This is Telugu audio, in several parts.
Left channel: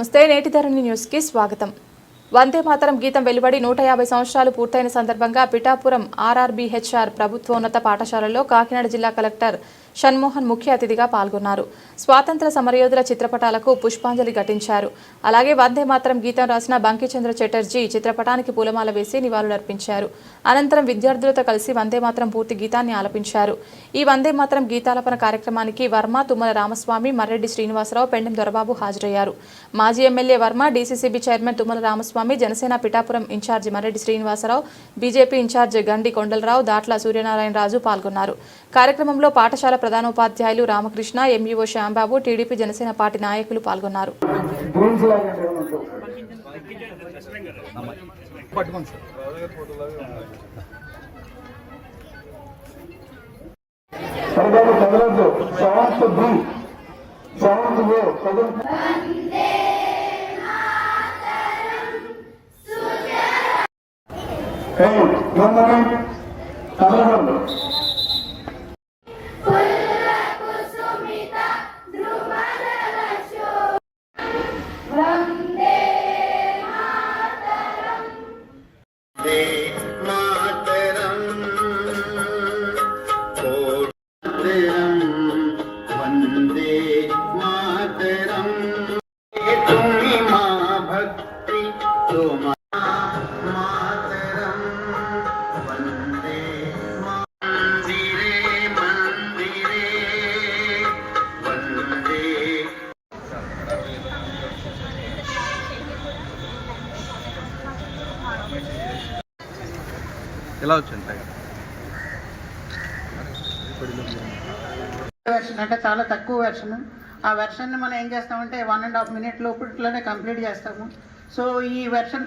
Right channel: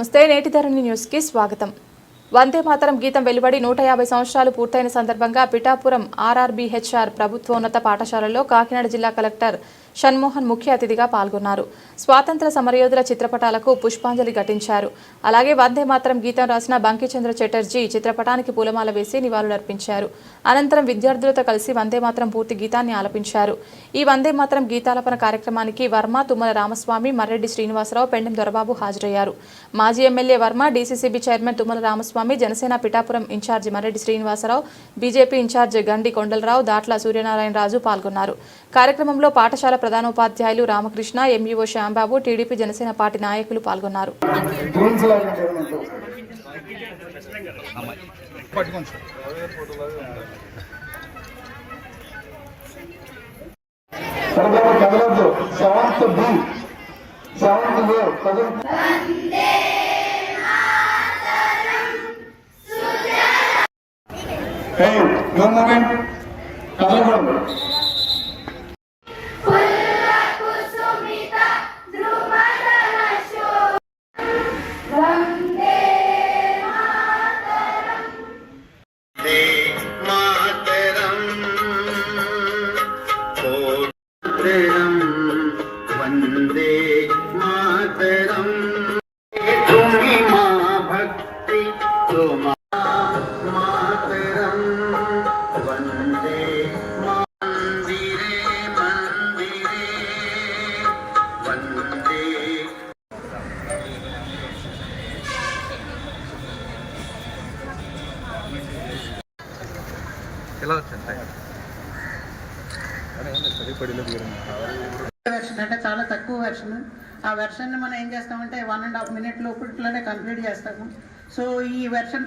నమస్తే నేటి ధరణి న్యూస్కి స్వాగతం. వందే మాతరం గీతం వెలువడి నూట యాభై సంవత్సరాలు పూర్తయిన సందర్భంగా పిఠాపురం ఆర్ఆర్బీహెచ్ఆర్ ప్రభుత్వోన్నత పాఠశాలలో కాకినాడ జిల్లా కలెక్టర్ షణ్మోహన్ ముఖ్య అతిథిగా పాల్గొన్నారు. స్వాతంత్ర సమరయోధుల చిత్రపటాలకు పుష్పాంజలి ఘటించారు. అలాగే వందే మాత్రం గీతం రాసిన బంకిచంద్ర చటర్జీ చిత్రపటానికి పూలమాల వేసి నివాళులర్పించారు. అనంతరం విద్యార్థులతో కలిసి వందే మాత్రం పూర్తి గీతాన్ని ఆలపించారు. ఈ వందే మాత్రం గీతాలపన కార్యక్రమానికి వర్మ తుమ్మల రామస్వామి మర్రెడ్డి శ్రీనివాసరావు పెండెం దొరబాబు హాజరయ్యారు. మాజీ MLA Varma DCCB chairman Tummala Ramaswamy Janasena Pithapuram in charge Marreddy Srinivasarao BJP in charge Gandi Kondalarao Datla Suryanarayana Raju పాల్గొన్నారు. కార్యక్రమంలో పాఠశాల ప్రధానోపాధ్యాయులు Ramakrishna MEO Shyambabu TDP Janasena party నాయకులు పాల్గొన్నారు. గవర్నమెంట్ లాగా వచ్చింది? వెర్షన్ అంటే చాలా తక్కువ వెర్షన్ ఆ వెర్షన్ని మనం ఏం చేస్తామంటే వన్ అండ్ హాఫ్ మినిట్ లోపలనే కంప్లీట్ చేస్తాము. సో ఈ వెర్షన్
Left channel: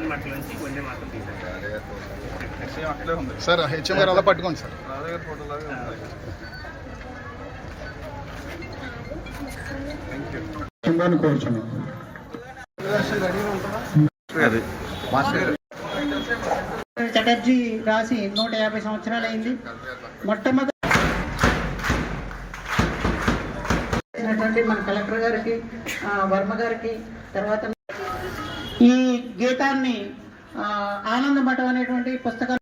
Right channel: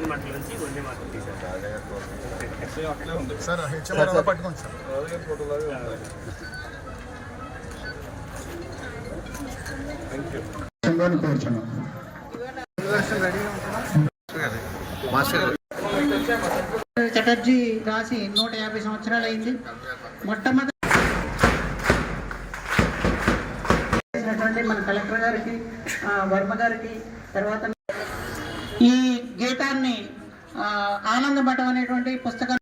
ఆనంద మాటల నుంచి వందే మాటలు తీశారు సార్ హెచ్ఎం గారు అలా పట్టుకోండి సార్. చిందని కోరుచున్నాం. చటర్జీ రాసి నూట యాభై సంవత్సరాలు అయింది. మొట్టమొదటి మన కలెక్టర్ గారికి వర్మ గారికి తర్వాత ఈ గీతాన్ని ఆ, అనేటువంటి పుస్తకం